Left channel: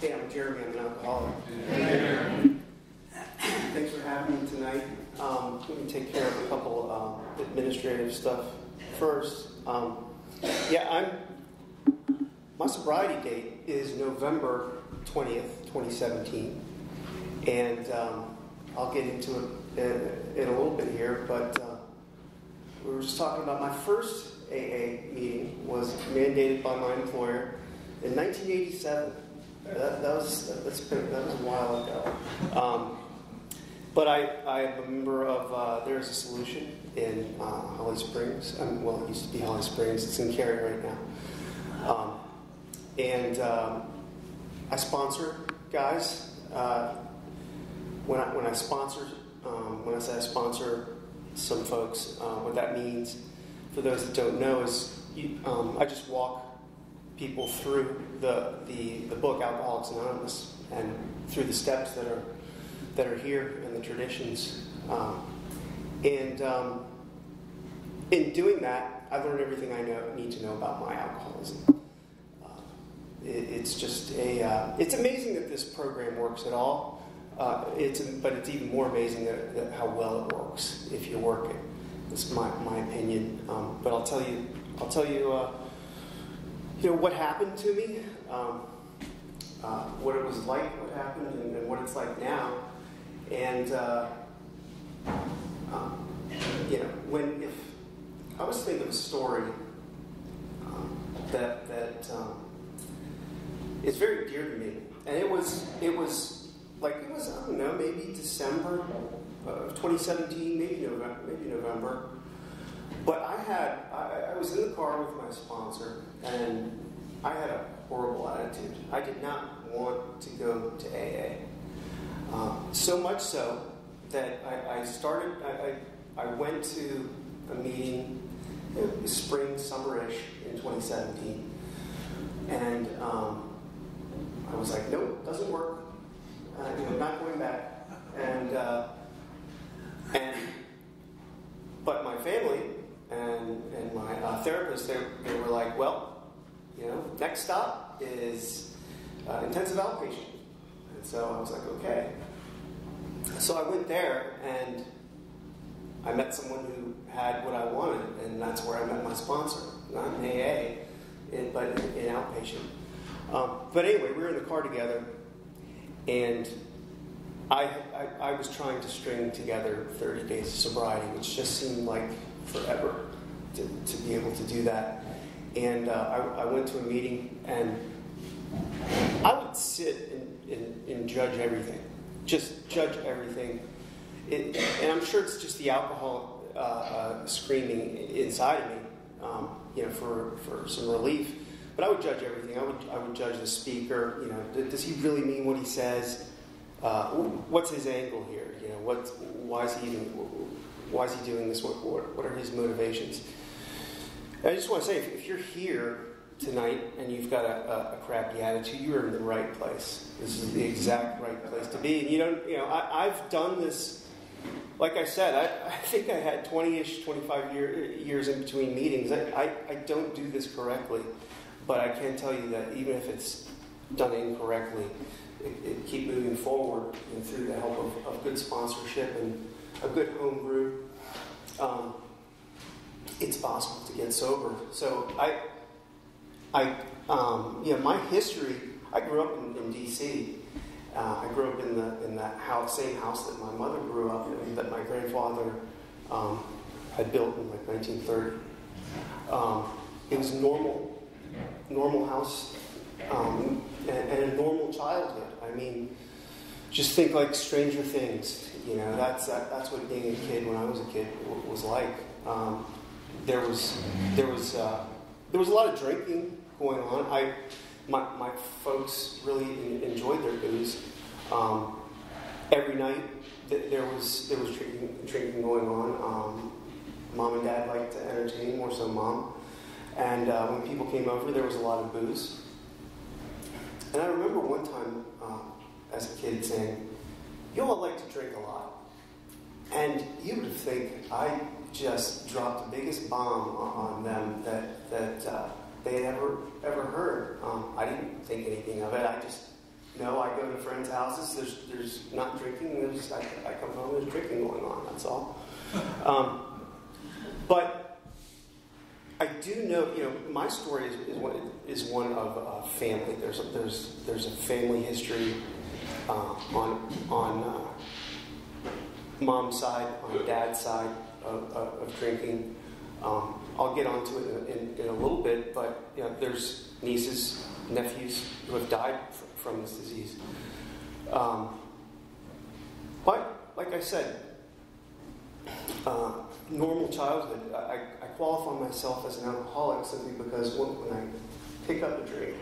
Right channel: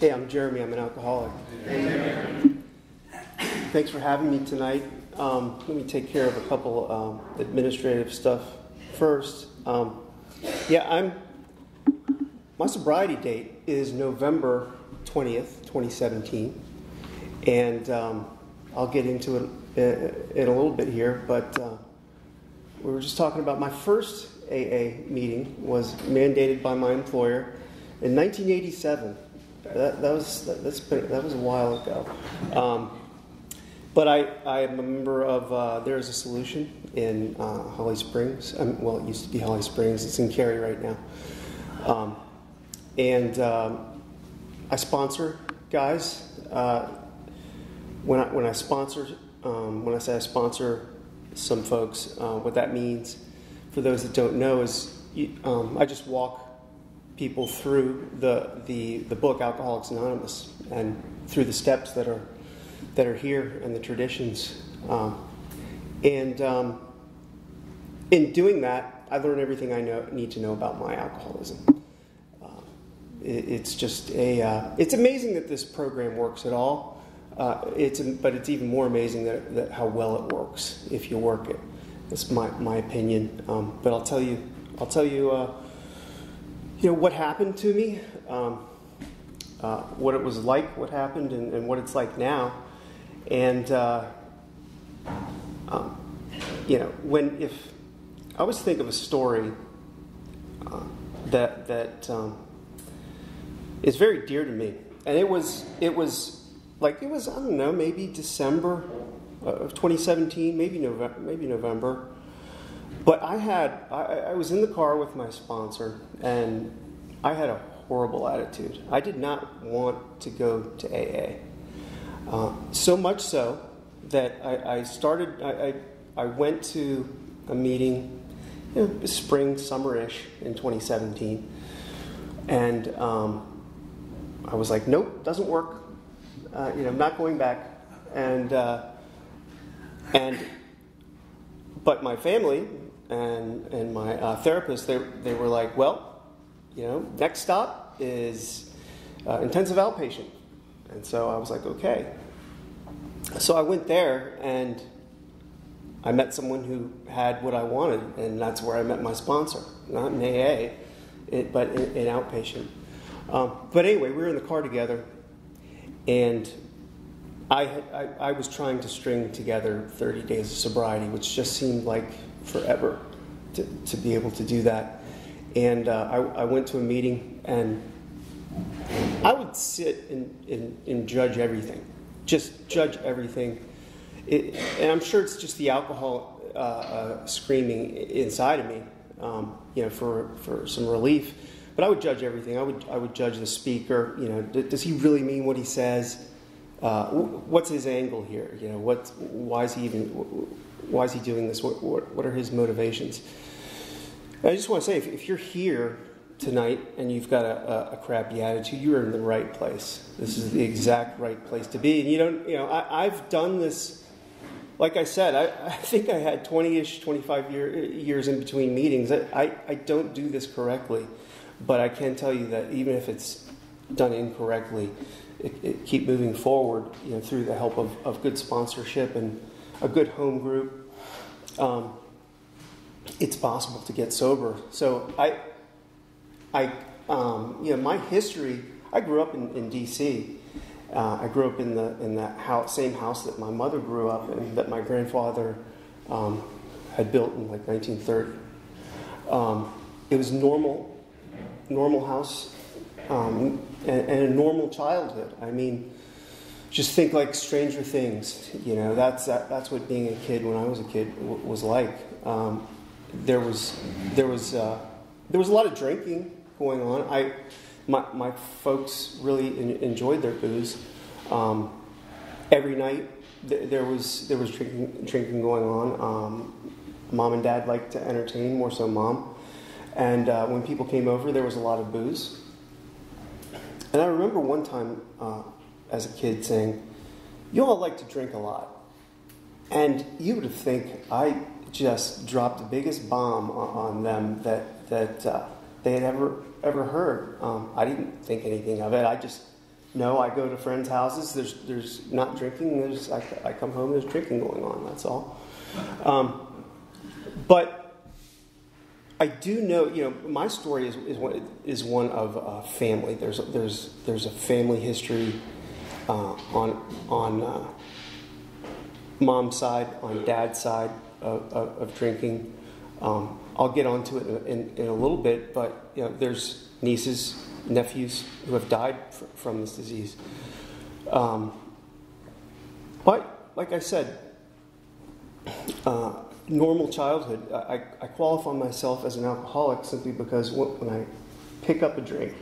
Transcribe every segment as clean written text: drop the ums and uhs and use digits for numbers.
Hey, I'm Jeremy. I'm an alcoholic. Thanks for having me tonight. Let me take care of a couple administrative stuff first. My sobriety date is November 20th, 2017. And I'll get into it in a little bit here, but we were just talking about my first AA meeting was mandated by my employer in 1987. That was a while ago. But I am a member of There Is a Solution in Holly Springs. Well, it used to be Holly Springs. It's in Cary right now. And I sponsor guys. When I say I sponsor some folks, what that means for those that don't know is I just walk people through the book Alcoholics Anonymous and through the steps that are here and the traditions. In doing that, I learned everything I need to know about my alcoholism. It's just it's amazing that this program works at all. But it's even more amazing that how well it works if you work it. That's my opinion. But I'll tell you, what happened to me, what it was like, what happened, and what it's like now. And if I was to think of a story that is very dear to me, and it was I don't know, maybe December of 2017, maybe November. But I was in the car with my sponsor, and I had a horrible attitude. I did not want to go to AA. So much so that I went to a meeting, spring, summer-ish in 2017, and I was like, nope, doesn't work. I'm not going back. But my family and my therapist, they were like, well, next stop is intensive outpatient. And so I was like, okay. So I went there and I met someone who had what I wanted, and that's where I met my sponsor, not in AA, but in outpatient. But anyway, we were in the car together, and I was trying to string together 30 days of sobriety, which just seemed like forever to be able to do that. And I went to a meeting, and I would sit and judge everything, just judge everything. And I'm sure it's just the alcohol screaming inside of me, for some relief. But I would judge everything. I would judge the speaker. Does he really mean what he says? What's his angle here? Why is he doing this? What are his motivations? I just want to say, if you're here tonight and you've got a crappy attitude, you are in the right place. This is the exact right place to be. And I've done this. Like I said, I think I had 20-ish, 25 years in between meetings. I don't do this correctly, but I can tell you that even if it's done incorrectly, it keep moving forward, through the help of good sponsorship and a good home group. It's possible to get sober. So my history. I grew up in D.C. I grew up in that same house that my mother grew up in, that my grandfather had built in 1930. It was normal house. And a normal childhood. I mean, just think like Stranger Things. That's what being a kid when I was a kid was like. There was a lot of drinking going on. My folks really enjoyed their booze. Every night there was drinking going on. Mom and Dad liked to entertain, more so Mom. And when people came over, there was a lot of booze. And I remember one time as a kid saying, "You all like to drink a lot." And you would think I just dropped the biggest bomb on them that they had ever heard. I didn't think anything of it. I just No, I go to friends' houses. There's not drinking. I come home. There's drinking going on. That's all. But I do know, my story is one of family. There's a family history on mom's side, on dad's side of drinking. I'll get onto it in a little bit, but there's nieces, nephews who have died from this disease. But like I said, normal childhood. I qualify myself as an alcoholic simply because when I pick up a drink,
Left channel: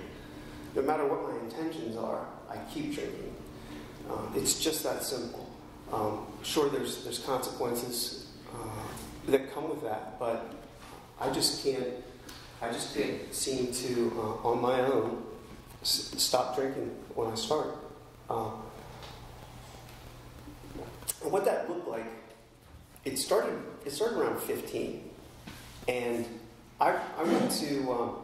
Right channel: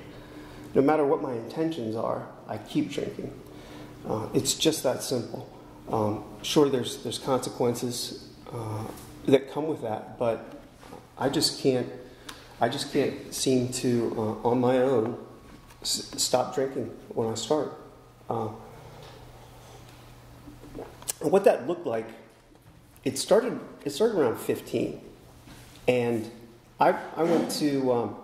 no matter what my intentions are, I keep drinking. It's just that simple. Sure, there's consequences that come with that, but I just can't seem to, on my own, stop drinking when I start. And what that looked like, it started around 15, and I went to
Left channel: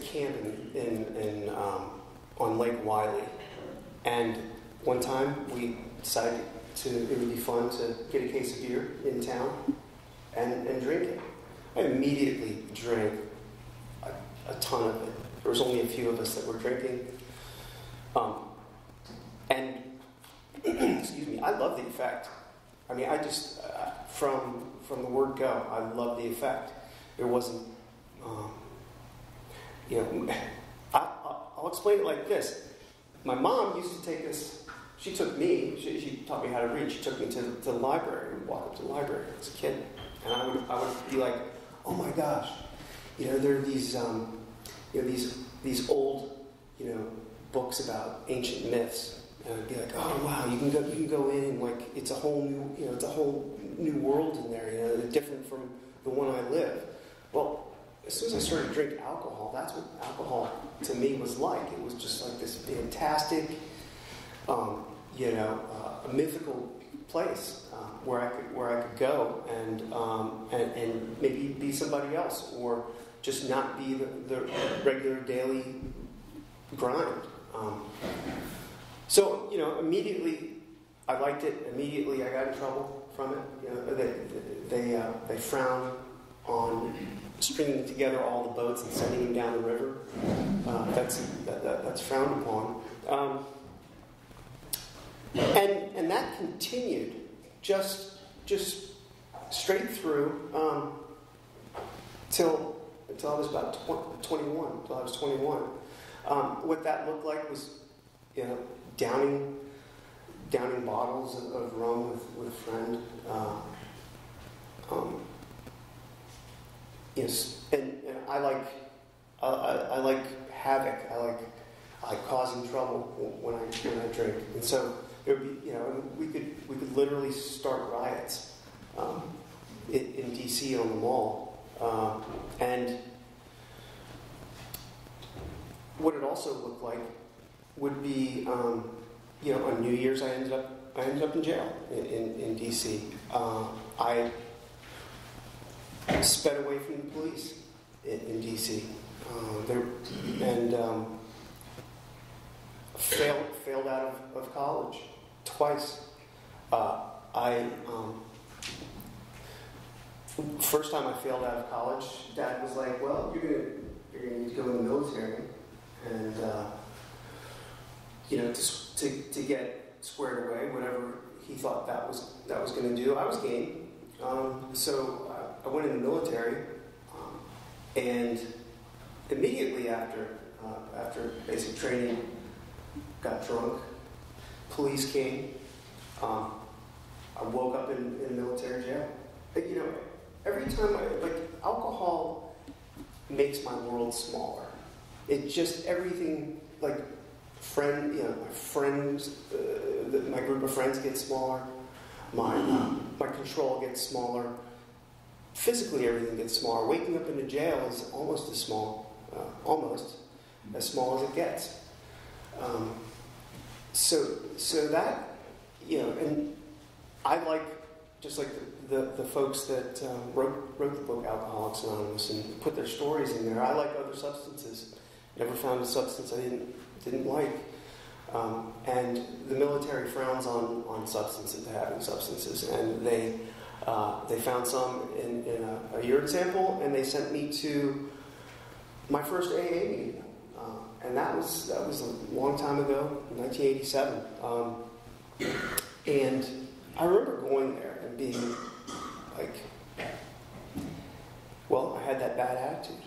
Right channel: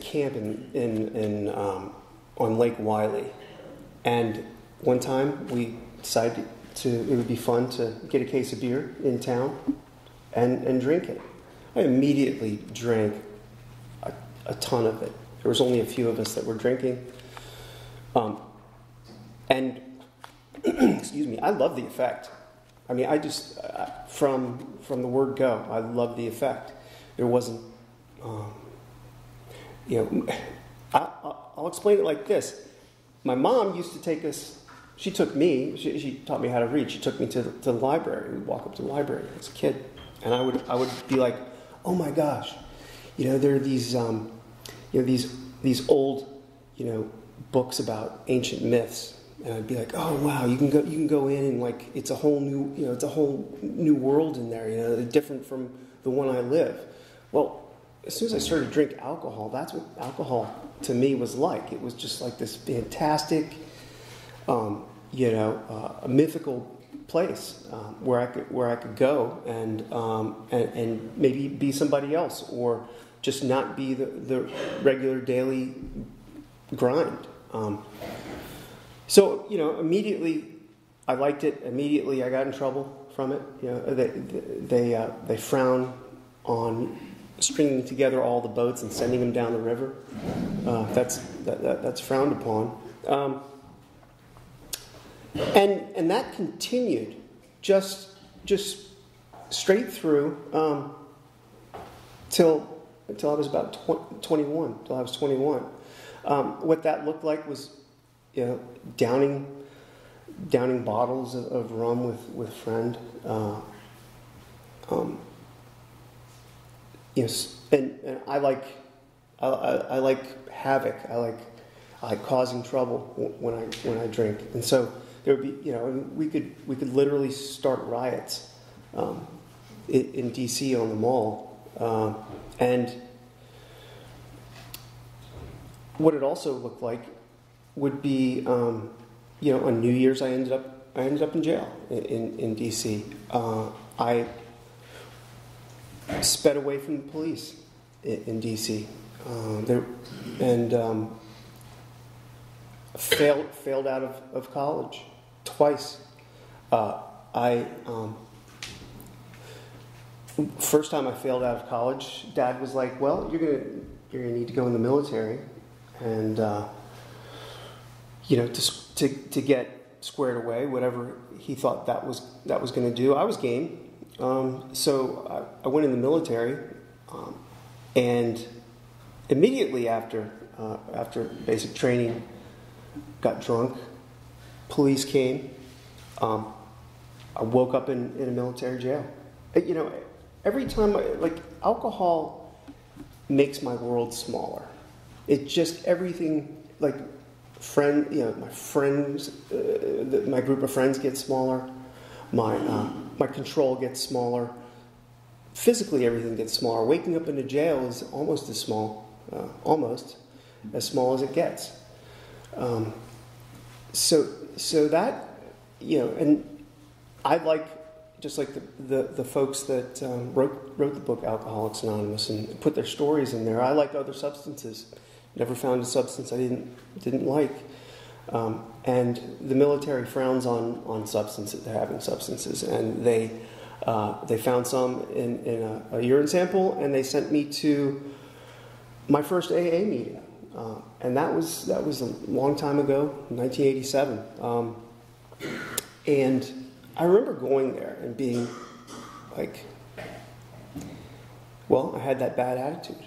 camp in on Lake Wiley, and one time we decided it would be fun to get a case of beer in town and drink it. I immediately drank a ton of it. There was only a few of us that were drinking. And, excuse me, I love the effect. I mean, from the word go, I love the effect. There wasn't, I'll explain it like this. My mom used to take us, she took me, she taught me how to read. She took me to the library. We'd walk up to the library as a kid. And I would be like, oh my gosh, there are these old, books about ancient myths, and I'd be like, oh wow, you can go in and like it's a whole new world in there, different from the one I live. Well, as soon as I started to drink alcohol, that's what alcohol to me was like. It was just like this fantastic, a mythical place where I could go and maybe be somebody else, or just not be the regular daily grind. So immediately I liked it. Immediately I got in trouble from it. They frown on stringing together all the boats and sending them down the river. That's frowned upon. And that continued just straight through till I was about 21. Till I was 21. What that looked like was, downing bottles of rum with a friend. And I like havoc. I like causing trouble when I drink, and so there would be, we could literally start riots in D.C. on the Mall, and what it also looked like would be, on New Year's I ended up in jail in D.C. I sped away from the police in D.C. Failed out of college twice. First time I failed out of college, Dad was like, "Well, you're gonna need to go in the military, and to get squared away, whatever he thought that was going to do." I was game, so I went in the military, and immediately after basic training, got drunk. Police came. I woke up in a military jail. Every time alcohol makes my world smaller. It just everything my friends, my group of friends gets smaller. My control gets smaller. Physically, everything gets smaller. Waking up in a jail is almost as small as it gets. So that, and I just like the folks that wrote the book Alcoholics Anonymous and put their stories in there. I like other substances Never found a substance I didn't like. And the military frowns on substances, having substances, and they found some in a urine sample, and they sent me to my first AA meeting, and that was a long time ago, 1987, and I remember going there and being like, well, I had that bad attitude.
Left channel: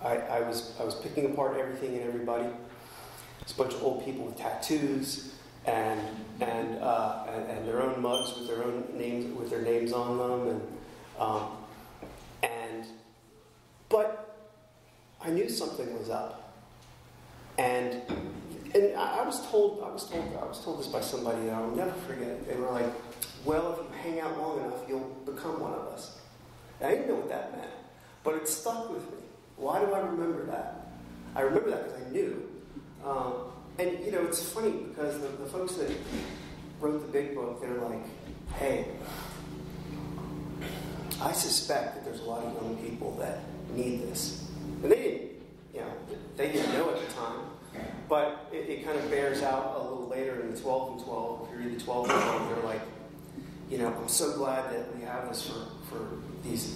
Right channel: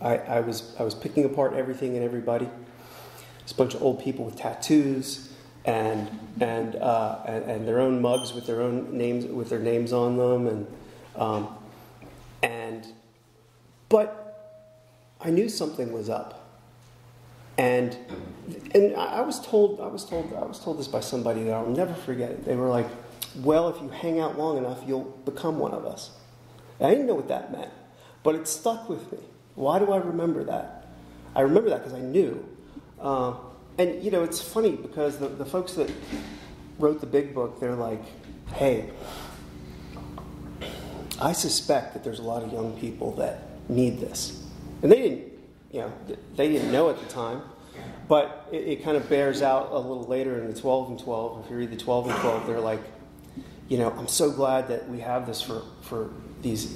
I was picking apart everything and everybody. It's a bunch of old people with tattoos and their own mugs with their own names, with their names on them, but I knew something was up, and I was told this by somebody that I'll never forget it. They were like, "Well, if you hang out long enough, you'll become one of us." And I didn't know what that meant, but it stuck with me. Why do I remember that? I remember that because I knew. And, you know, it's funny because the folks that wrote the big book, they're like, hey, I suspect that there's a lot of young people that need this. And they didn't know at the time, but it kind of bears out a little later in the 12 and 12. If you read the 12 and 12, they're like, you know, I'm so glad that we have this for these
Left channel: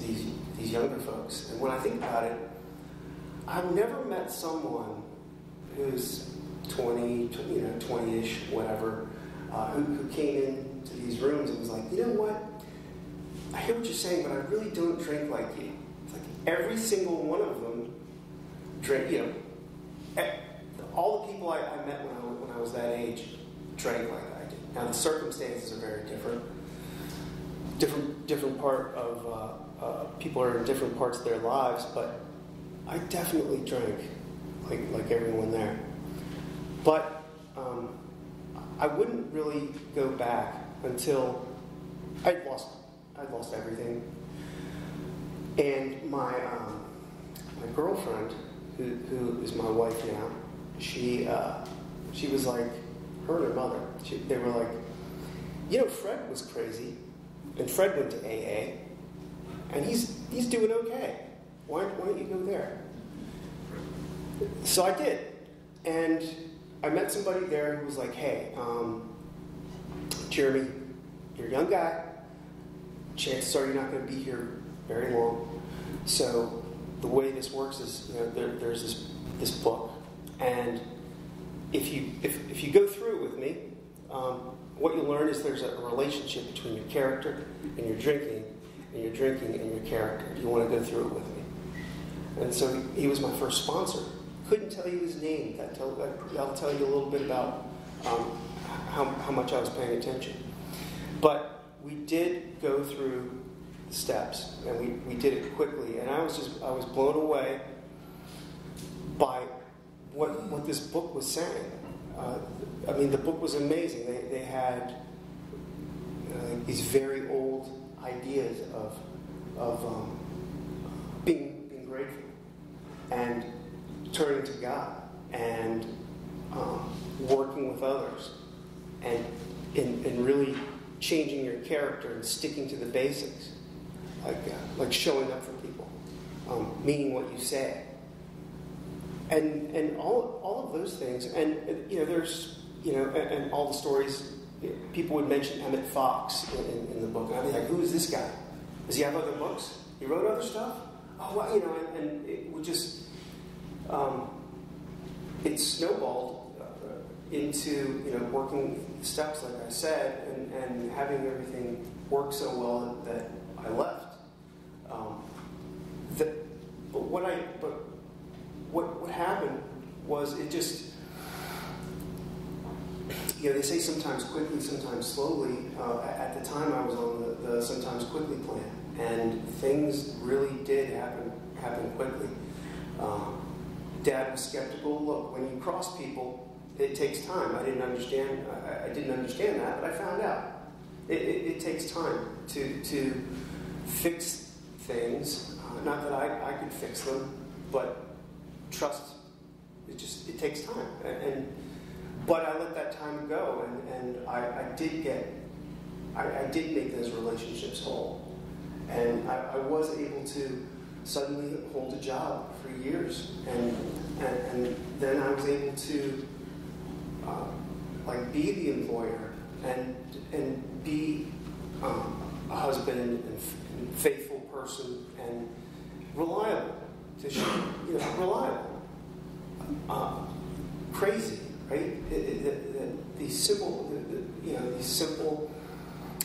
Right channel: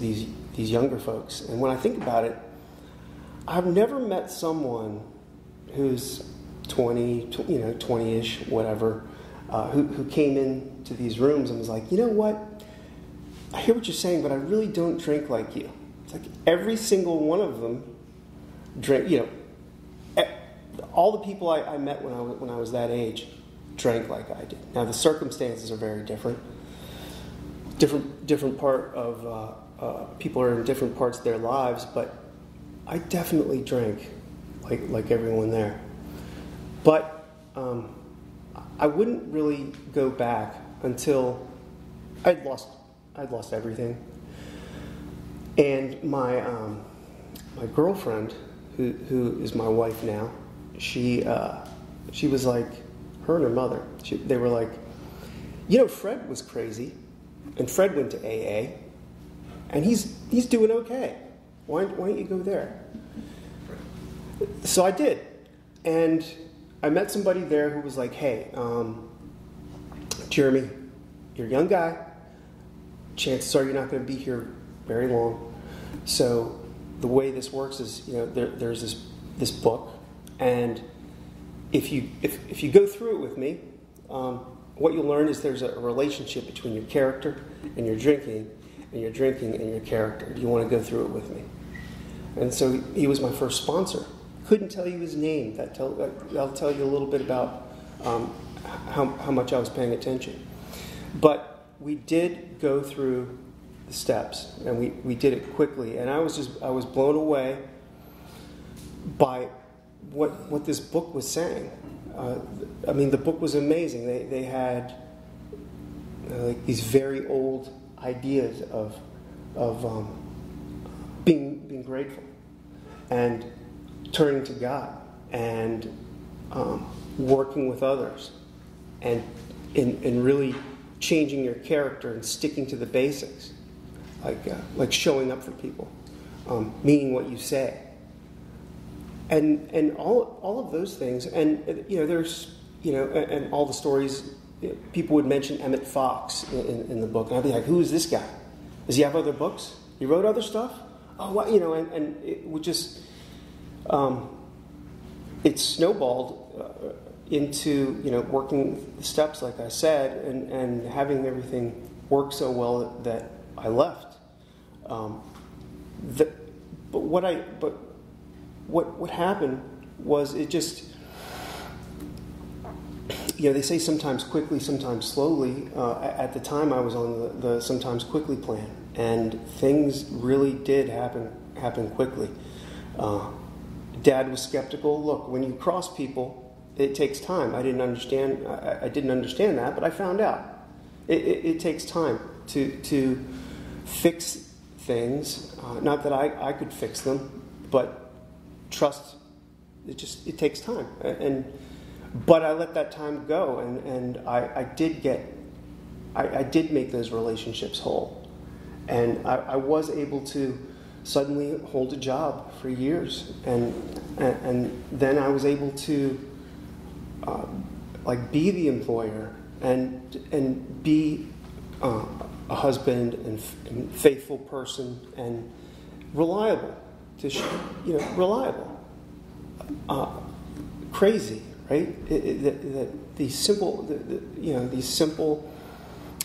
younger folks. And when I think about it, I've never met someone who's 20-ish, whatever, who came into these rooms and was like, you know what? I hear what you're saying, but I really don't drink like you. It's like every single one of them drank, you know, all the people I met when I was that age drank like I did. Now, the circumstances are very different. Different part of, people are in different parts of their lives, but I definitely drank like everyone there. But I wouldn't really go back until I'd lost everything. And my girlfriend, who is my wife now, she was like, her and her mother, they were like, you know, Fred was crazy, and Fred went to AA, and he's doing okay. Why don't you go there? So I did, and I met somebody there who was like, hey, Jeremy, you're a young guy. Chances are you're not going to be here very long. So the way this works is, you know, there's this book, and if you go through it with me, what you'll learn is there's a relationship between your character and your drinking, and your drinking and your character. Do you want to go through it with me? And so he was my first sponsor. Couldn't tell you his name. I'll tell you a little bit about how much I was paying attention. But we did go through the steps, and we did it quickly. And I was blown away by what this book was saying. I mean, the book was amazing. They had like these very old ideas of being grateful and turning to God and working with others and really changing your character and sticking to the basics, like showing up for people, meaning what you say, and all of those things. And you know, there's, you know, and all the stories. People would mention Emmett Fox in the book, and I'd be like, who is this guy? Does he have other books? He wrote other stuff? Oh, well, you know, and it would just, it snowballed into, you know, working the steps, like I said, and having everything work so well that I left. But what happened was it just, you know, they say sometimes quickly, sometimes slowly. At the time, I was on the sometimes quickly plan, and things really did happen quickly. Dad was skeptical. Look, when you cross people, it takes time. I didn't understand that, but I found out. It takes time to fix things. Not that I could fix them, but trust. It takes time, but I let that time go, and I did make those relationships whole, and I was able to suddenly hold a job for years, and then I was able to be the employer and be a husband and faithful person and reliable, reliable, crazy, right? These simple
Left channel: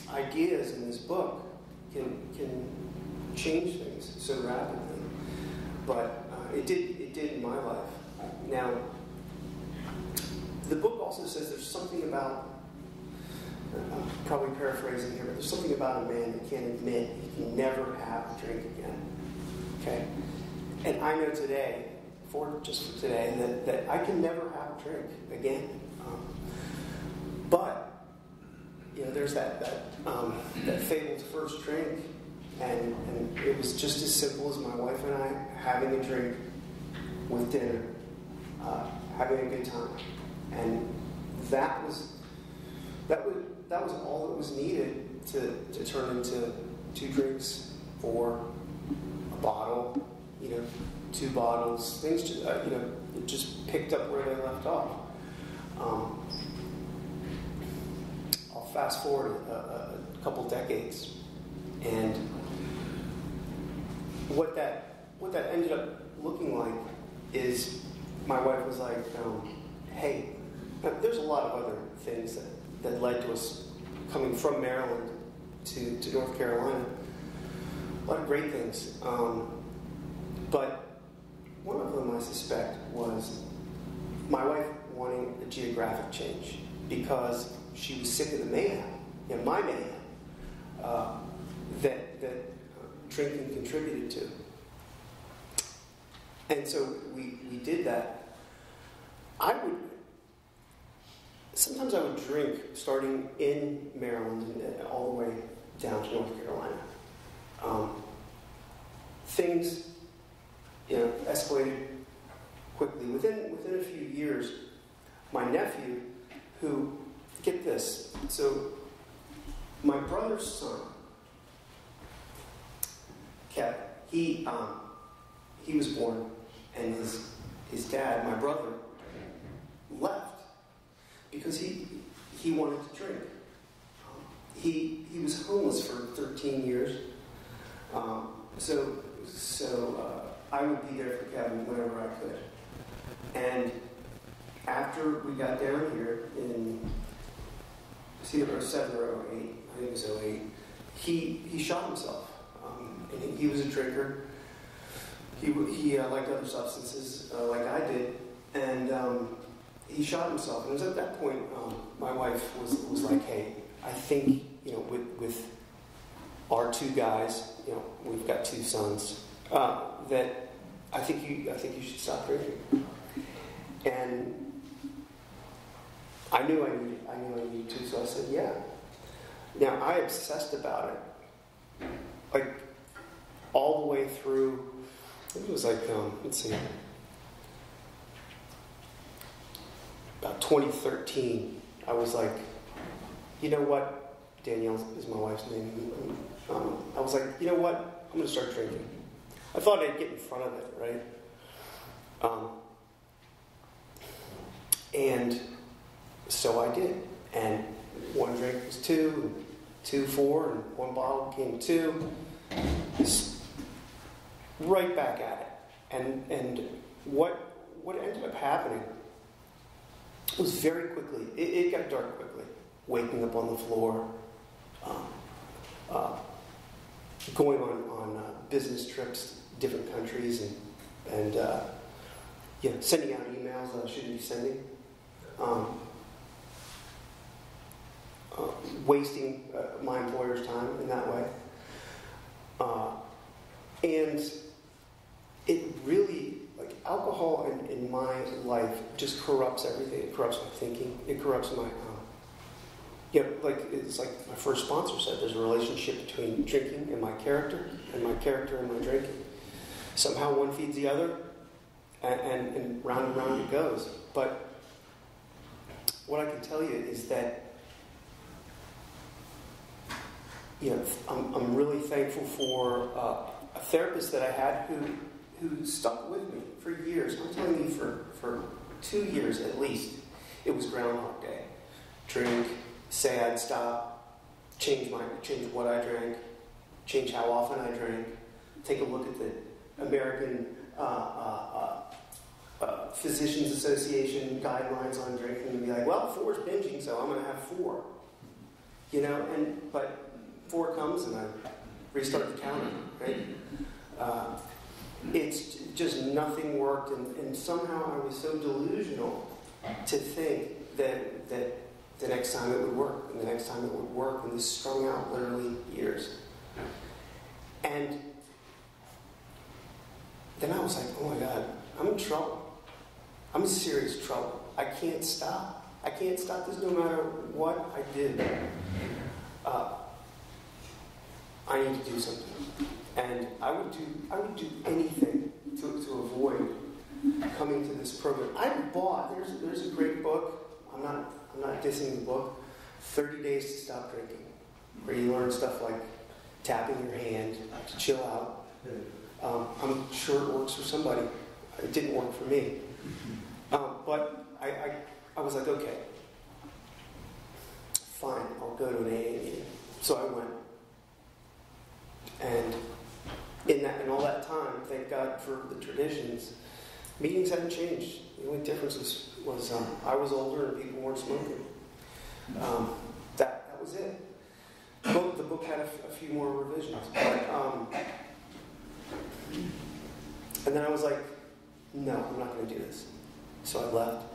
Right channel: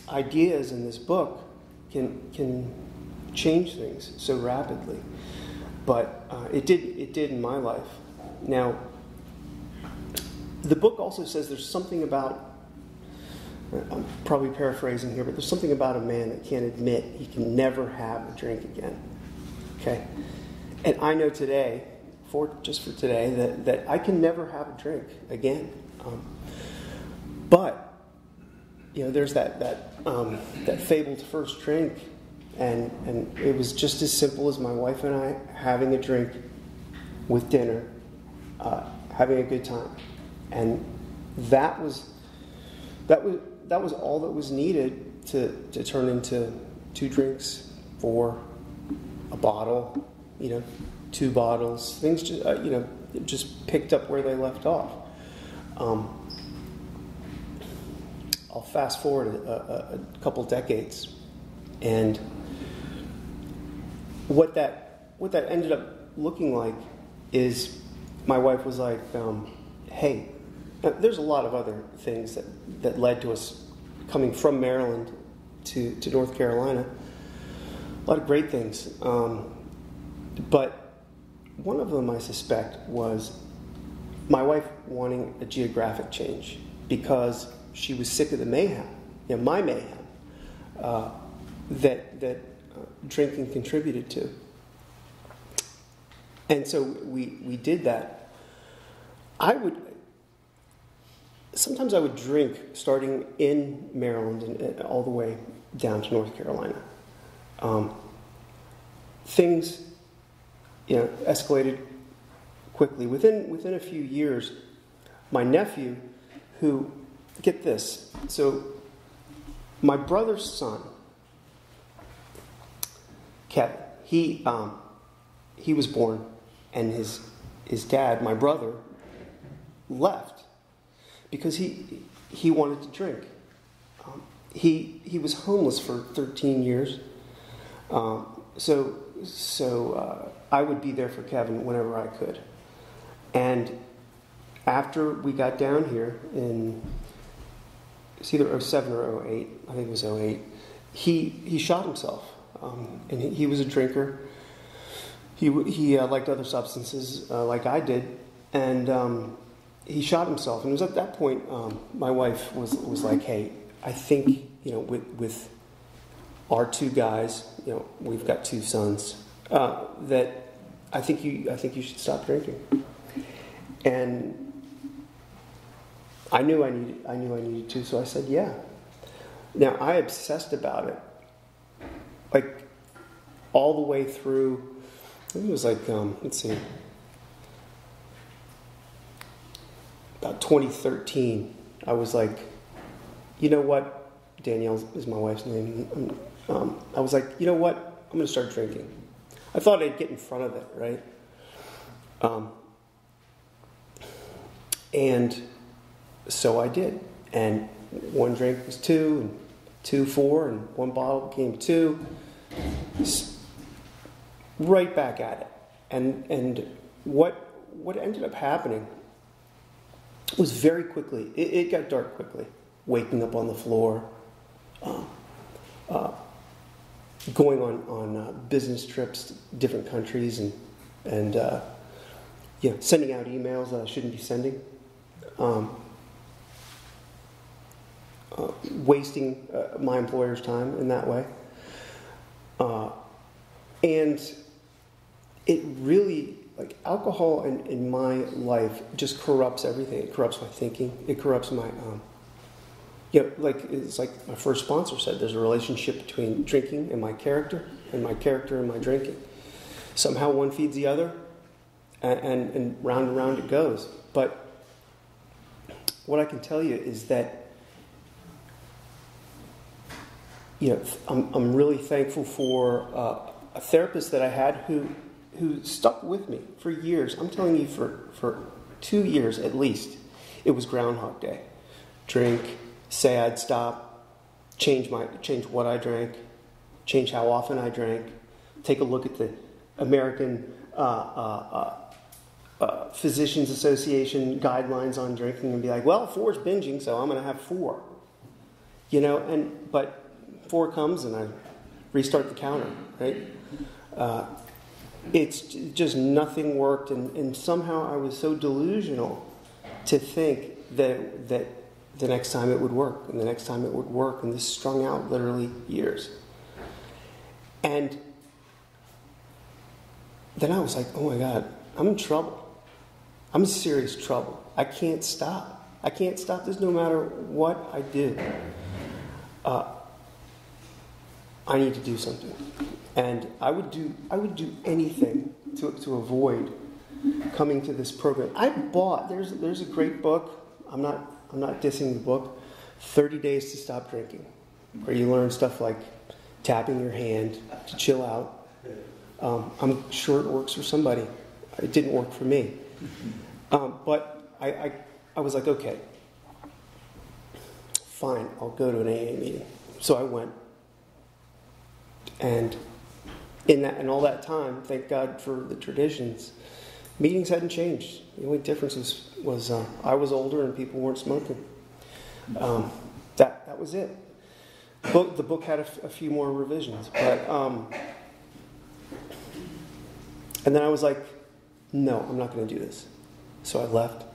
ideas in this book can change things so rapidly, but it did in my life. Now, the book also says there's something about, I'm probably paraphrasing here, but there's something about a man that can't admit he can never have a drink again. Okay? And I know today, just for today, that I can never have a drink again. But there's that fabled first drink, and it was just as simple as my wife and I having a drink with dinner, having a good time, and that was all that was needed to turn into 2 drinks, 4, a bottle, 2 bottles. Things just just picked up where they left off. I'll fast forward a couple decades, and what that ended up looking like is my wife was like, "Hey." Now, there's a lot of other things that led to us coming from Maryland to North Carolina. A lot of great things. But one of them, I suspect, was my wife wanting a geographic change because she was sick of the mayhem, my mayhem, that drinking contributed to. And so we did that. Sometimes I would drink starting in Maryland and all the way down to North Carolina. Things, escalated quickly. Within a few years, my nephew, who, get this, so my brother's son, Kevin, he was born, and his dad, my brother, left because he wanted to drink. He was homeless for 13 years. So I would be there for Kevin whenever I could. And after we got down here in, it's either 07 or 08, I think it was 08, he shot himself. And he was a drinker. He liked other substances like I did. And he shot himself. And it was at that point my wife was like, "Hey, I think, with our 2 guys, we've got 2 sons, that I think you should stop drinking." And I knew I needed to, so I said, "Yeah." Now, I obsessed about it, like all the way through. I think it was like let's see, about 2013. I was like, "You know what?" Danielle is my wife's name. I was like, "You know what? I'm going to start drinking." I thought I'd get in front of it, right? And so I did. And 1 drink was 2, and 2, 4, and 1 bottle became 2. Right back at it. And what ended up happening was very quickly, it got dark quickly. Waking up on the floor, going on business trips to different countries, and sending out emails that I shouldn't be sending, wasting my employer's time in that way, and it really, like, alcohol in my life just corrupts everything. It corrupts my thinking. It corrupts my it's like my first sponsor said, there's a relationship between drinking and my character and my drinking. Somehow one feeds the other, and round it goes. But what I can tell you is that, I'm really thankful for a therapist that I had who stuck with me for years. I'm telling you, for 2 years at least, it was Groundhog Day. Drink, say I'd stop, change what I drank, change how often I drank, take a look at the American Physicians Association guidelines on drinking and be like, well, 4 is binging, so I'm going to have 4. But 4 comes and I restart the counter, right? It's just nothing worked, and somehow I was so delusional to think that the next time it would work, and the next time it would work, and this strung out literally years. And then I was like, oh my God, I'm in trouble. I'm in serious trouble. I can't stop. I can't stop this no matter what I do. I need to do something. And I would do anything to avoid coming to this program. There's a great book. I'm not dissing the book, 30 Days to Stop Drinking, where you learn stuff like tapping your hand to chill out. I'm sure it works for somebody. It didn't work for me. But I was like, okay, fine, I'll go to an AA meeting. So I went. And in all that time, thank God for the traditions, meetings hadn't changed. The only difference was I was older and people weren't smoking. That was it. The book had a few more revisions, but and then I was like, no, I'm not going to do this. So I left,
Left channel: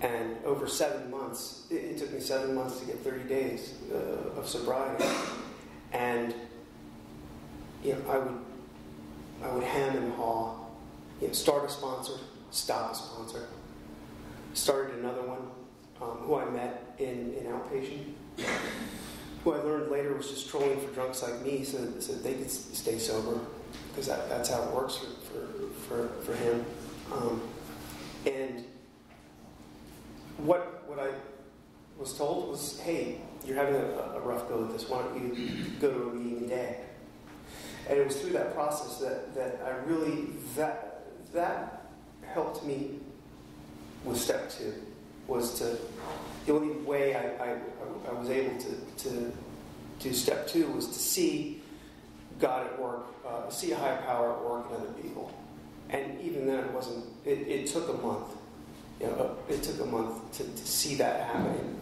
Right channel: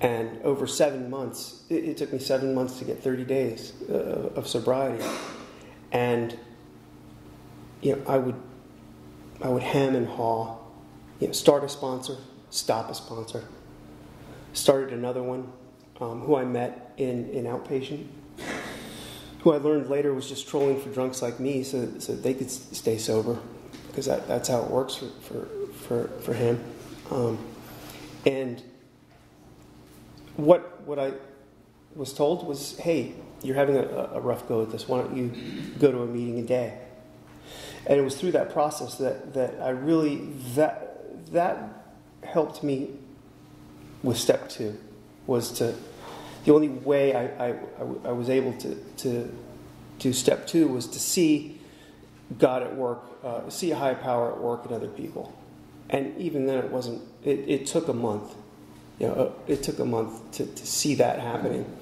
and over 7 months, it took me 7 months to get 30 days of sobriety, and I would hem and haw, start a sponsor, stop a sponsor. Started another one, who I met in outpatient, who I learned later was just trolling for drunks like me, so they could stay sober, because that's how it works for him. And what I was told was, hey, you're having a rough go at this. Why don't you go to a meeting a day? And it was through that process that I really that helped me with step 2. The only way I was able to do step 2 was to see God at work, see a higher power at work in other people. And even then, it took a month. It took a month to see that happening.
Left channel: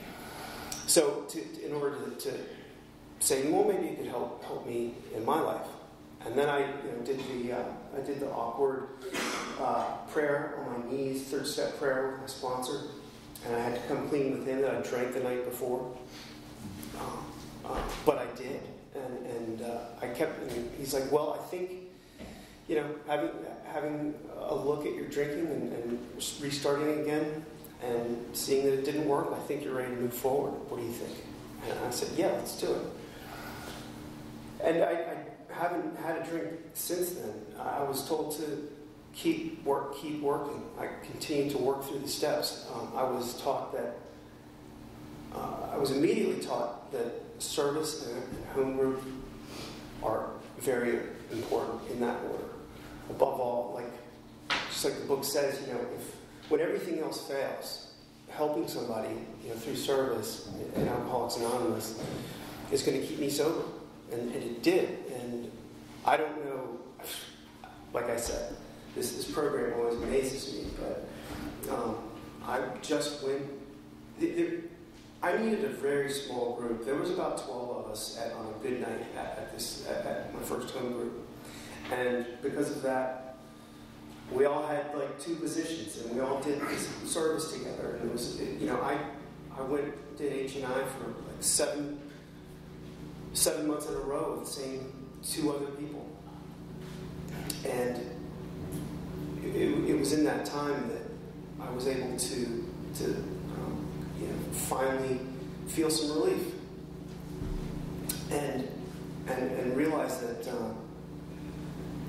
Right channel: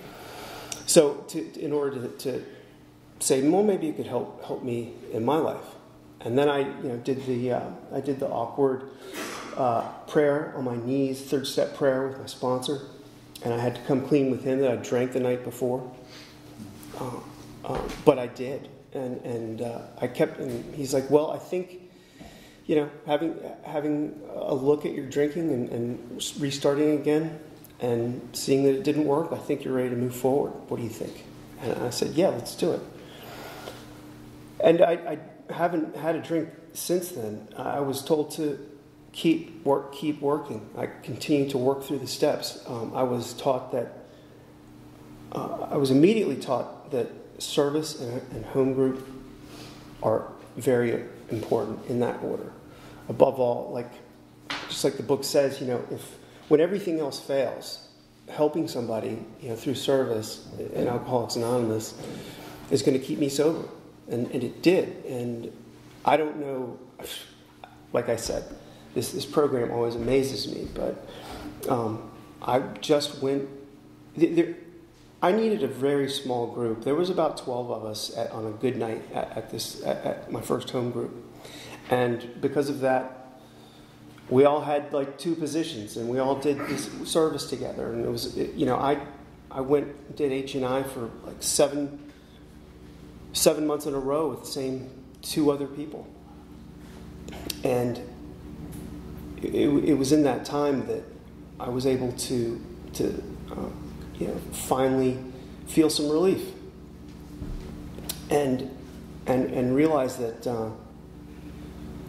So in order to say, well, maybe it could help me in my life. And then I did the awkward prayer on my knees, 3rd step prayer with my sponsor, and I had to come clean with him that I drank the night before. But I did, and I kept. And he's like, well, I think, having a look at your drinking and restarting again, and seeing that it didn't work, I think you're ready to move forward. What do you think? And I said, yeah, let's do it. And I haven't had a drink since then. I was told to keep working. I continue to work through the steps. I was immediately taught that service and home group are very important in that order. Above all, just like the book says, when everything else fails, helping somebody, through service in Alcoholics Anonymous is going to keep me sober. And it did. And I don't know, like I said, this program always amazes me, but I just went, I needed a very small group. There was about 12 of us on a good night at my first home group. And because of that, we all had 2 positions, and we all did this service together. And it was, I did H&I for 7 months in a row with the same 2 other people. And it was in that time that I was able to finally feel some relief and realize that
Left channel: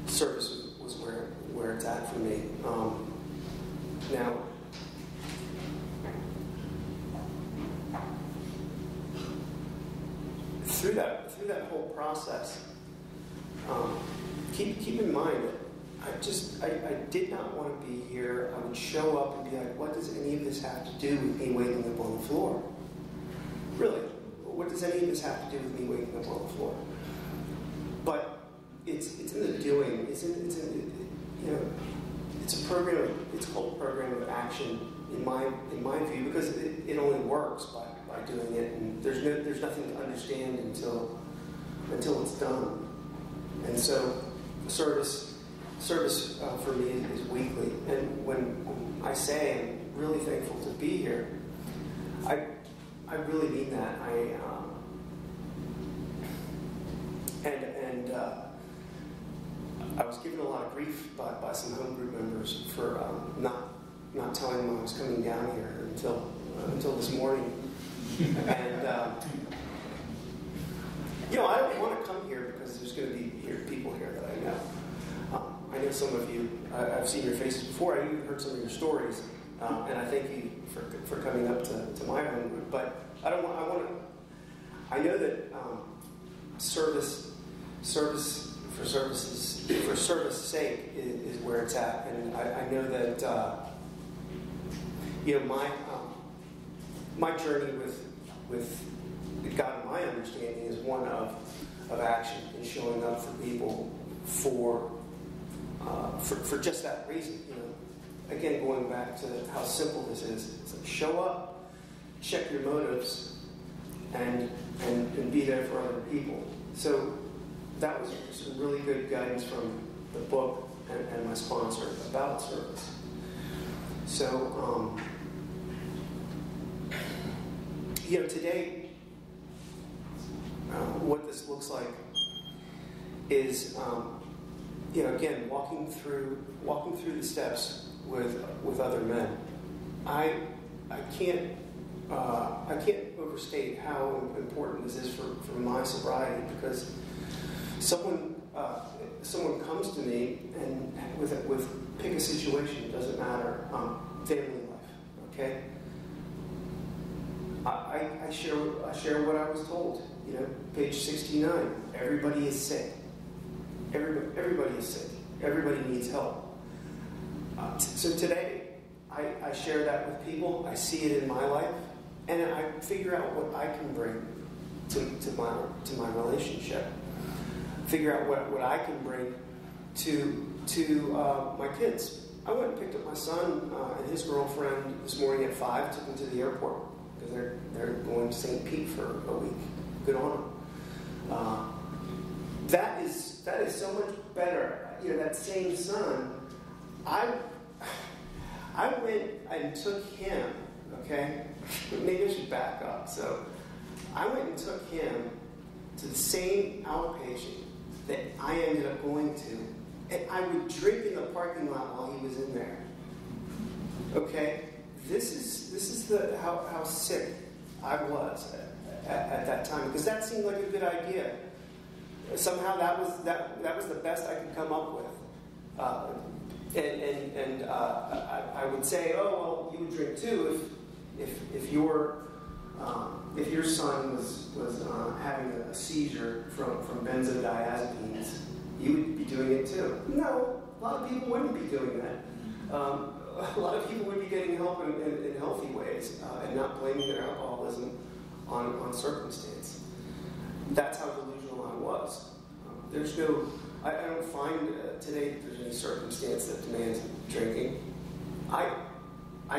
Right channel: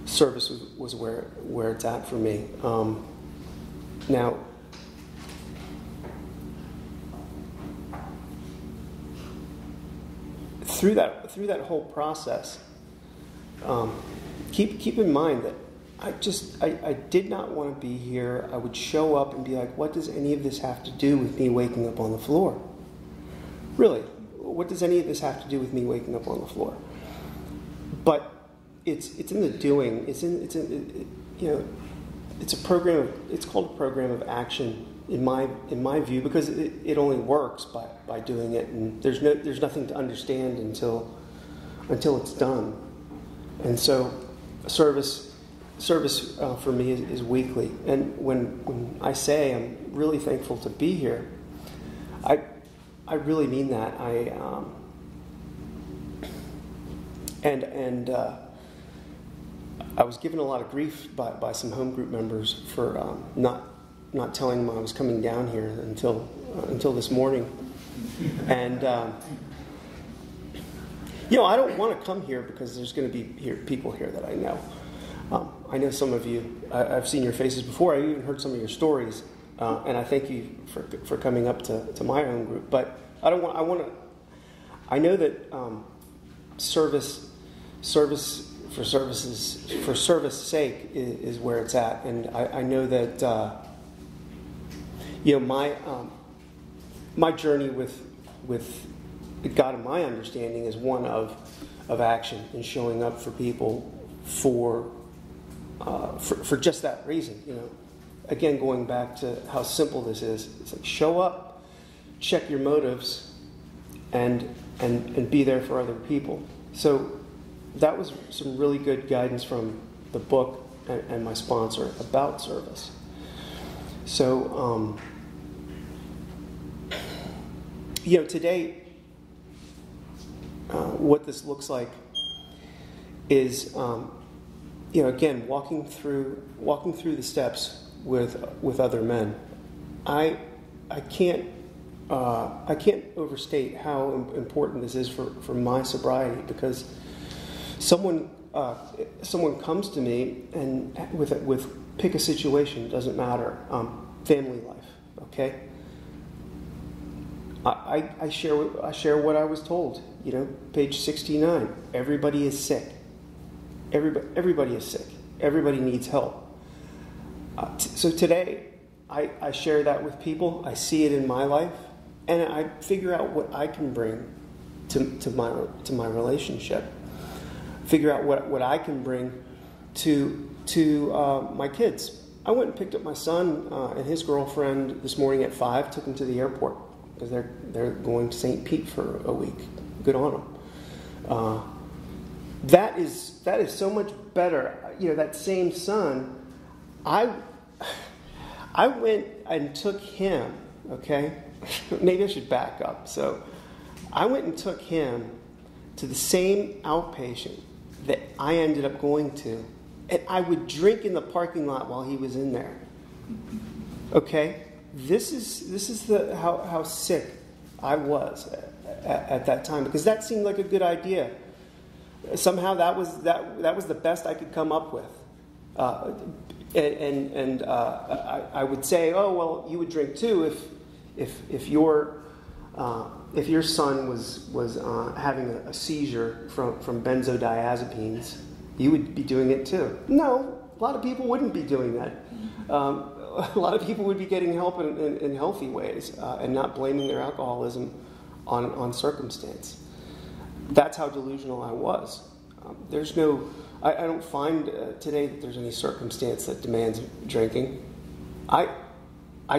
service was where it's at for me. Now, through that whole process, keep in mind that I did not want to be here. I would show up and be like, what does any of this have to do with me waking up on the floor? Really, what does any of this have to do with me waking up on the floor? But it's in the doing. It's a program. It's called a program of action in my view, because it only works by doing it, and there's nothing to understand until it's done. And so service for me is weekly. And when I say I'm really thankful to be here, I really mean that. I was given a lot of grief by some home group members for not telling them I was coming down here until this morning. And I don't want to come here because there's going to be people here that I know. I know some of you. I've seen your faces before. I even heard some of your stories, and I thank you for coming up to my home group. But I don't want. I know that service for service sake is where it's at, and I know that my journey with God, in my understanding, is one of action and showing up for people for just that reason. Again, going back to how simple this is, it's like show up, check your motives, and be there for other people. So that was some really good guidance from the book and my sponsor about service. So today, what this looks like is again walking through the steps with other men. I can't overstate how important this is for my sobriety, because someone comes to me and with pick a situation, it doesn't matter, family life, okay. I share what I was told. Page 69. Everybody is sick. Everybody is sick. Everybody needs help. So today, I share that with people. I see it in my life, and I figure out what I can bring to my relationship. Figure out what I can bring to my kids. I went and picked up my son and his girlfriend this morning at 5. Took them to the airport because they're going to St. Pete for a week. Good on them. That is so much better. That same son, I went and took him. Okay, maybe I should back up. So I went and took him to the same outpatient that I ended up going to, and I would drink in the parking lot while he was in there. Okay, this is how sick I was at that time, because that seemed like a good idea. Somehow that was the best I could come up with, and I would say, oh well, you would drink too if your son was having a seizure from benzodiazepines, you would be doing it too. No, a lot of people wouldn't be doing that. A lot of people would be getting help in healthy ways and not blaming their alcoholism on circumstance. That's how delusional I was. I don't find today that there's any circumstance that demands drinking. I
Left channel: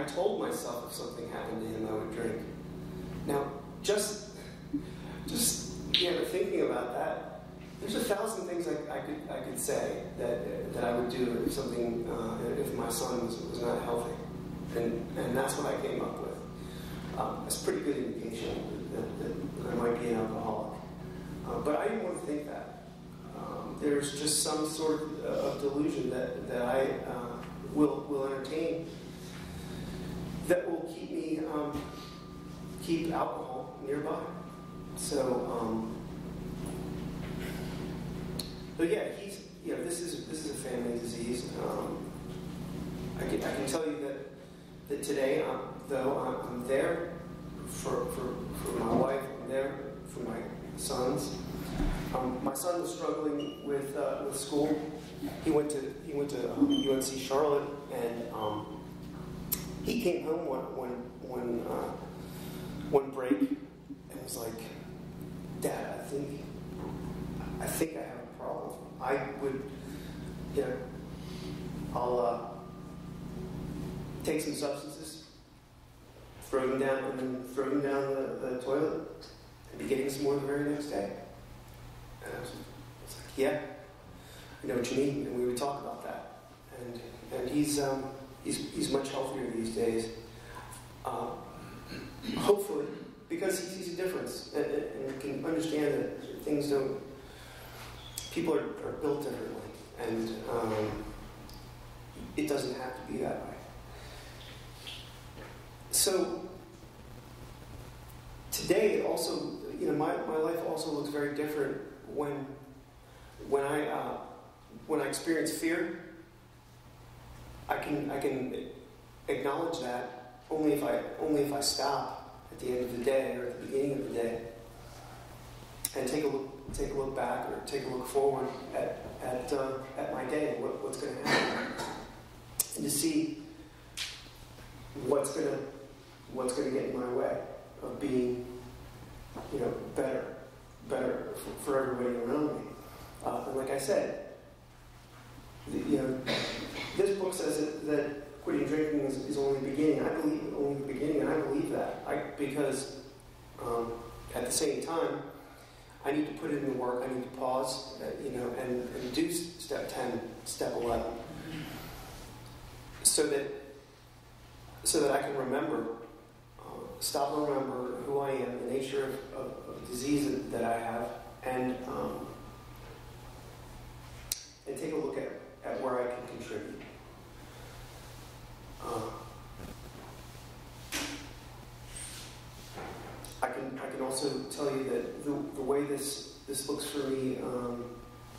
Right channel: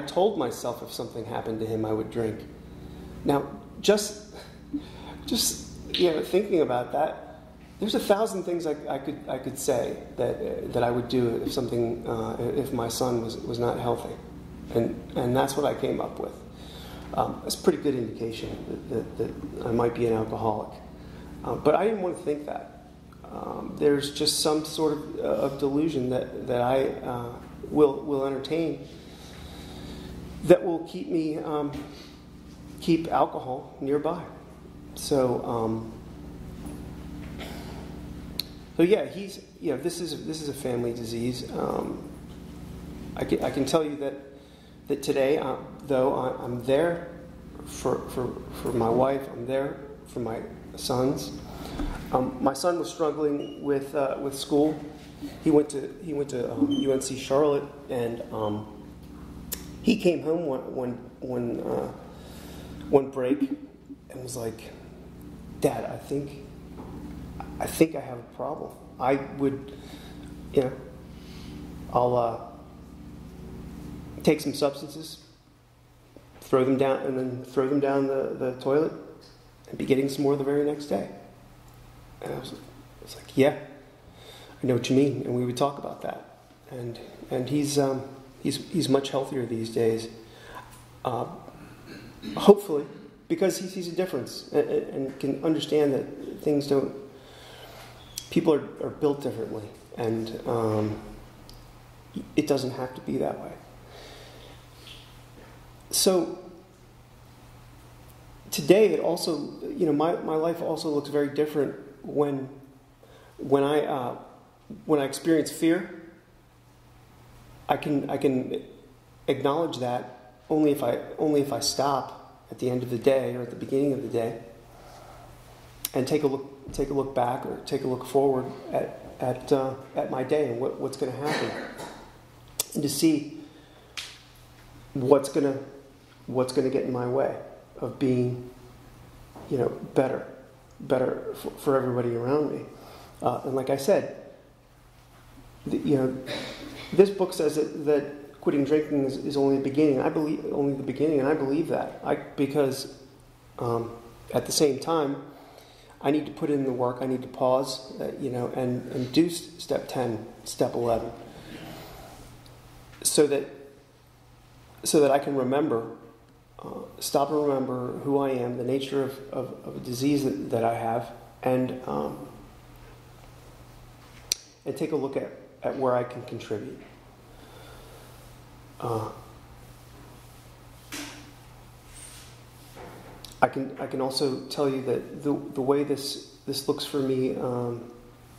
told myself if something happened to him, I would drink. Now, just thinking about that, there's 1,000 things I could say that I would do if my son was not healthy, and that's what I came up with. It's a pretty good indication that I might be an alcoholic, but I didn't want to think that. There's just some sort of delusion that I will entertain that will keep alcohol nearby. So yeah, this is a family disease. I can tell you that today, though I'm there for my wife, I'm there for my sons. My son was struggling with school. He went to UNC Charlotte, and he came home one break and was like, "Dad, I think I have a problem. I would, I'll take some substances, throw them down the toilet, and be getting some more the very next day." And I was like, "Yeah, I know what you mean." And we would talk about that. And he's much healthier these days. Hopefully, because he sees a difference and can understand that people are built differently, and it doesn't have to be that way. So today, it also, my life also looks very different when I experience fear. I can acknowledge that only if I stop at the end of the day or at the beginning of the day and take a look back or take a look forward at my day and what's going to happen, and to see what's going to get in my way of being better for everybody around me. And like I said, this book says that quitting drinking is only the beginning. I believe only the beginning, and I believe that. Because at the same time, I need to put in the work. I need to pause, and do step 10, step 11, so that I can remember, stop and remember who I am, the nature of a disease that I have, and take a look at where I can contribute. I can also tell you that the way this looks for me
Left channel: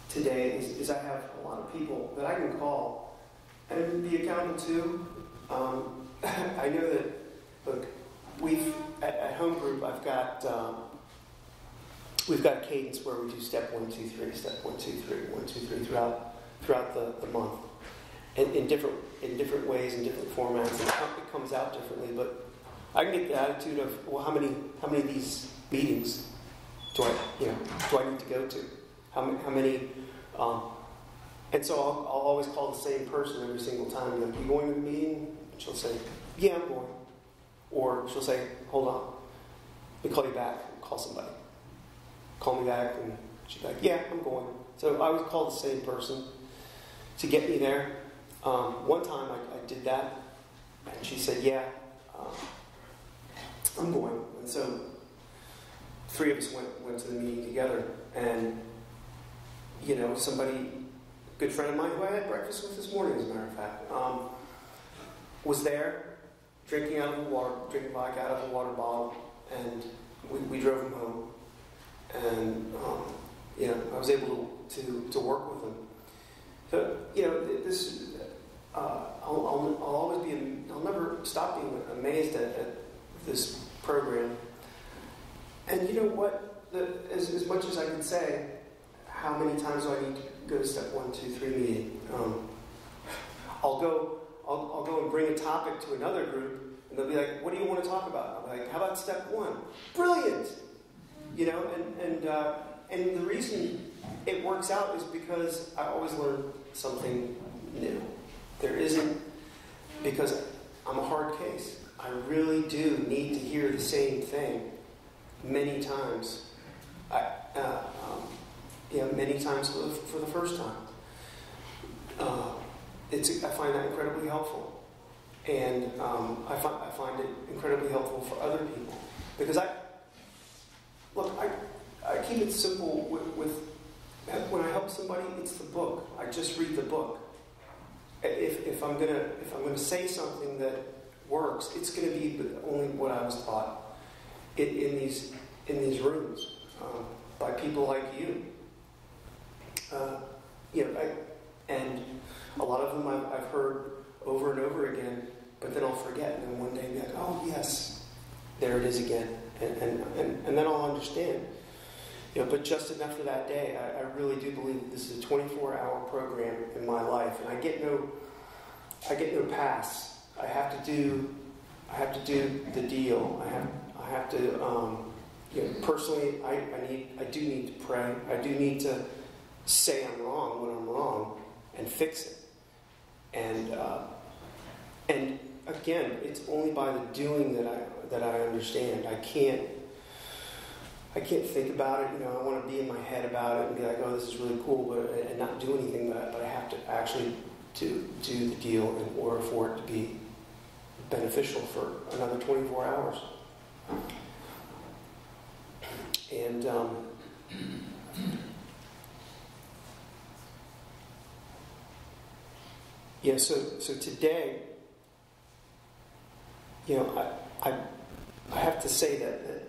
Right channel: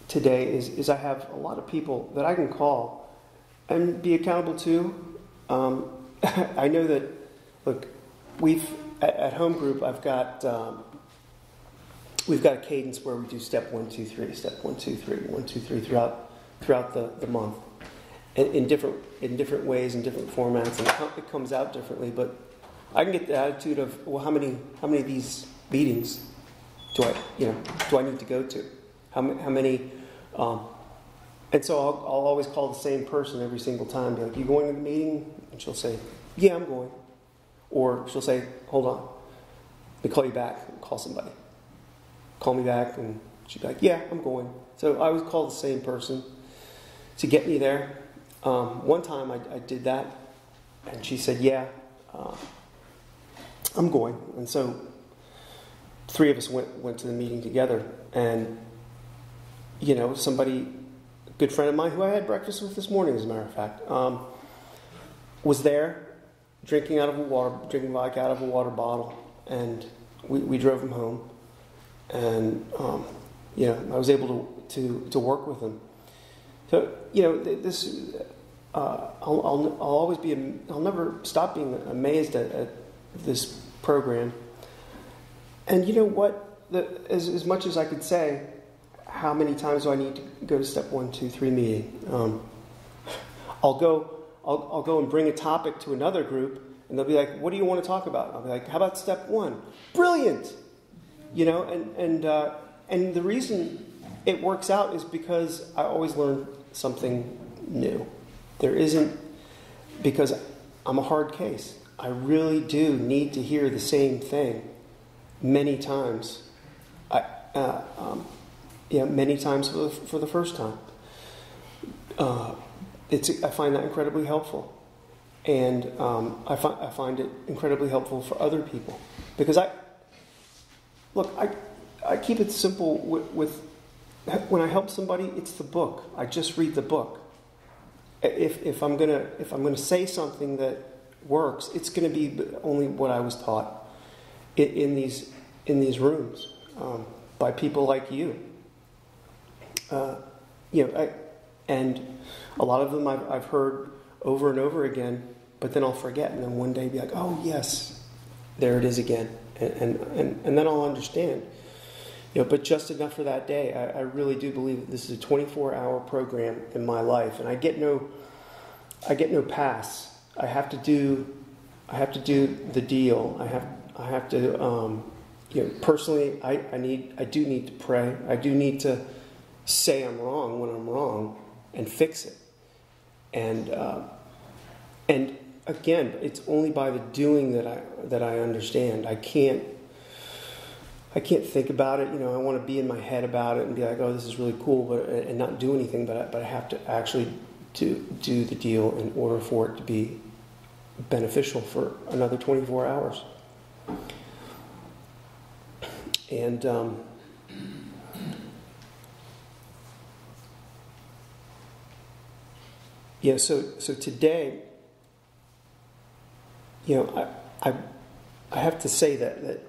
today is I have a lot of people that I can call and be accountable to. I know that, look, at home group we've got a cadence where we do step 1, 2, 3, step 1, 2, 3, 1, 2, 3 throughout the month, in different ways, in different formats, and it comes out differently. But I can get the attitude of, well, how many of these meetings do I need to go to? How many? And so I'll always call the same person every single time. Be like, "You going to the meeting?" And she'll say, "Yeah, I'm going." Or she'll say, "Hold on, let me call you back." Call somebody. Call me back, and she'd be like, "Yeah, I'm going." So I always call the same person to get me there. One time I did that, and she said, "Yeah, I'm going." And so 3 of us went to the meeting together, and somebody, a good friend of mine who I had breakfast with this morning, as a matter of fact, was there drinking vodka out of a water bottle, and we drove him home, and I was able to work with him. So this I'll never stop being amazed at this program. And you know what? As much as I could say, how many times do I need to go to step 1, 2, 3 meeting? I'll go and bring a topic to another group, and they'll be like, "What do you want to talk about?" And I'll be like, "How about step 1? Brilliant!" And the reason it works out is because I always learn something new. There isn't, because I'm a hard case. I really do need to hear the same thing many times. Many times for the first time. I find that incredibly helpful, and I find it incredibly helpful for other people, because I keep it simple with when I help somebody. It's the book. I just read the book. If I'm gonna say something that works, it's gonna be only what I was taught in these rooms by people like you. And a lot of them I've heard over and over again, but then I'll forget, and then one day be like, "Oh yes, there it is again," and then I'll understand. but just enough for that day. I really do believe that this is a 24-hour program in my life, and I get no pass. I have to do the deal. I have to personally. I do need to pray. I do need to say I'm wrong when I'm wrong and fix it. And again, it's only by the doing that I understand. I can't think about it. I want to be in my head about it and be like, oh, this is really cool, and not do anything. But I have to actually do the deal in order for it to be beneficial for another 24 hours. And so today, I have to say that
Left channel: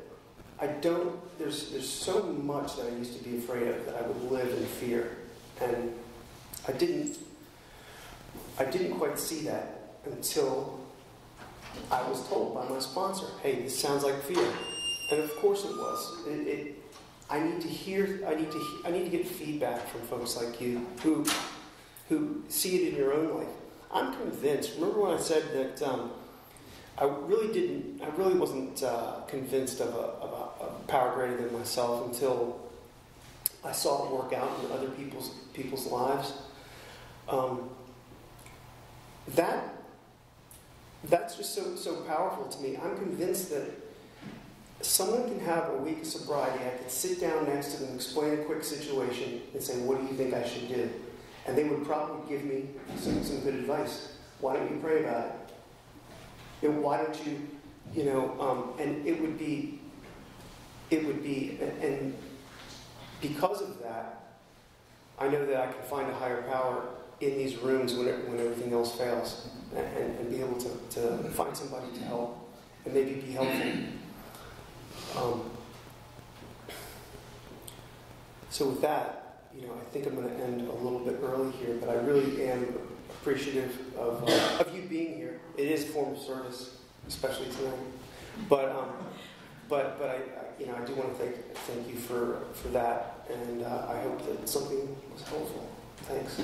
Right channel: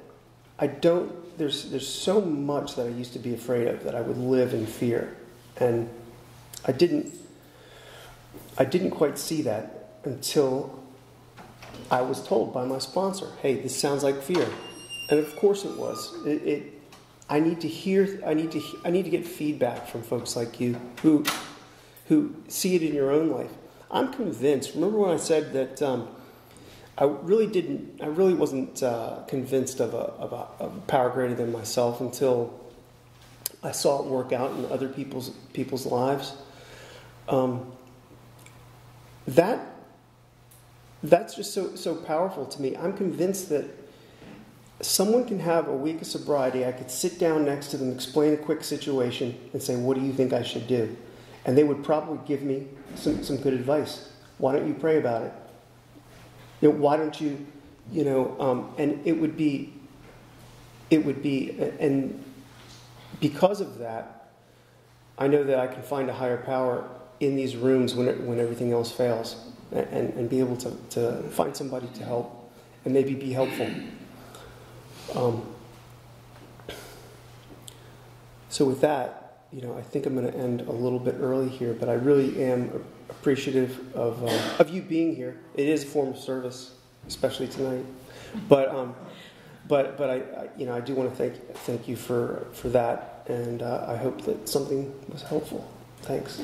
I don't. There's so much that I used to be afraid of that I would live in fear, and I didn't quite see that until I was told by my sponsor, "Hey, this sounds like fear," and of course it was. I need to get feedback from folks like you who see it in your own life. I'm convinced. Remember when I said that I really wasn't convinced of a power greater than myself until I saw it work out in other people's lives. That's just so powerful to me. I'm convinced that someone can have a week of sobriety. I could sit down next to them, explain a quick situation, and say, "What do you think I should do?" And they would probably give me some good advice. Why don't you pray about it? Why don't you, and it would be, and because of that, I know that I can find a higher power in these rooms when everything else fails, and be able to find somebody to help and maybe be helpful. So with that, I think I'm going to end a little bit early here, but I really am appreciative of you being here. It is a form of service, especially tonight. But I do want to thank you for that, and I hope that something was helpful. Thanks.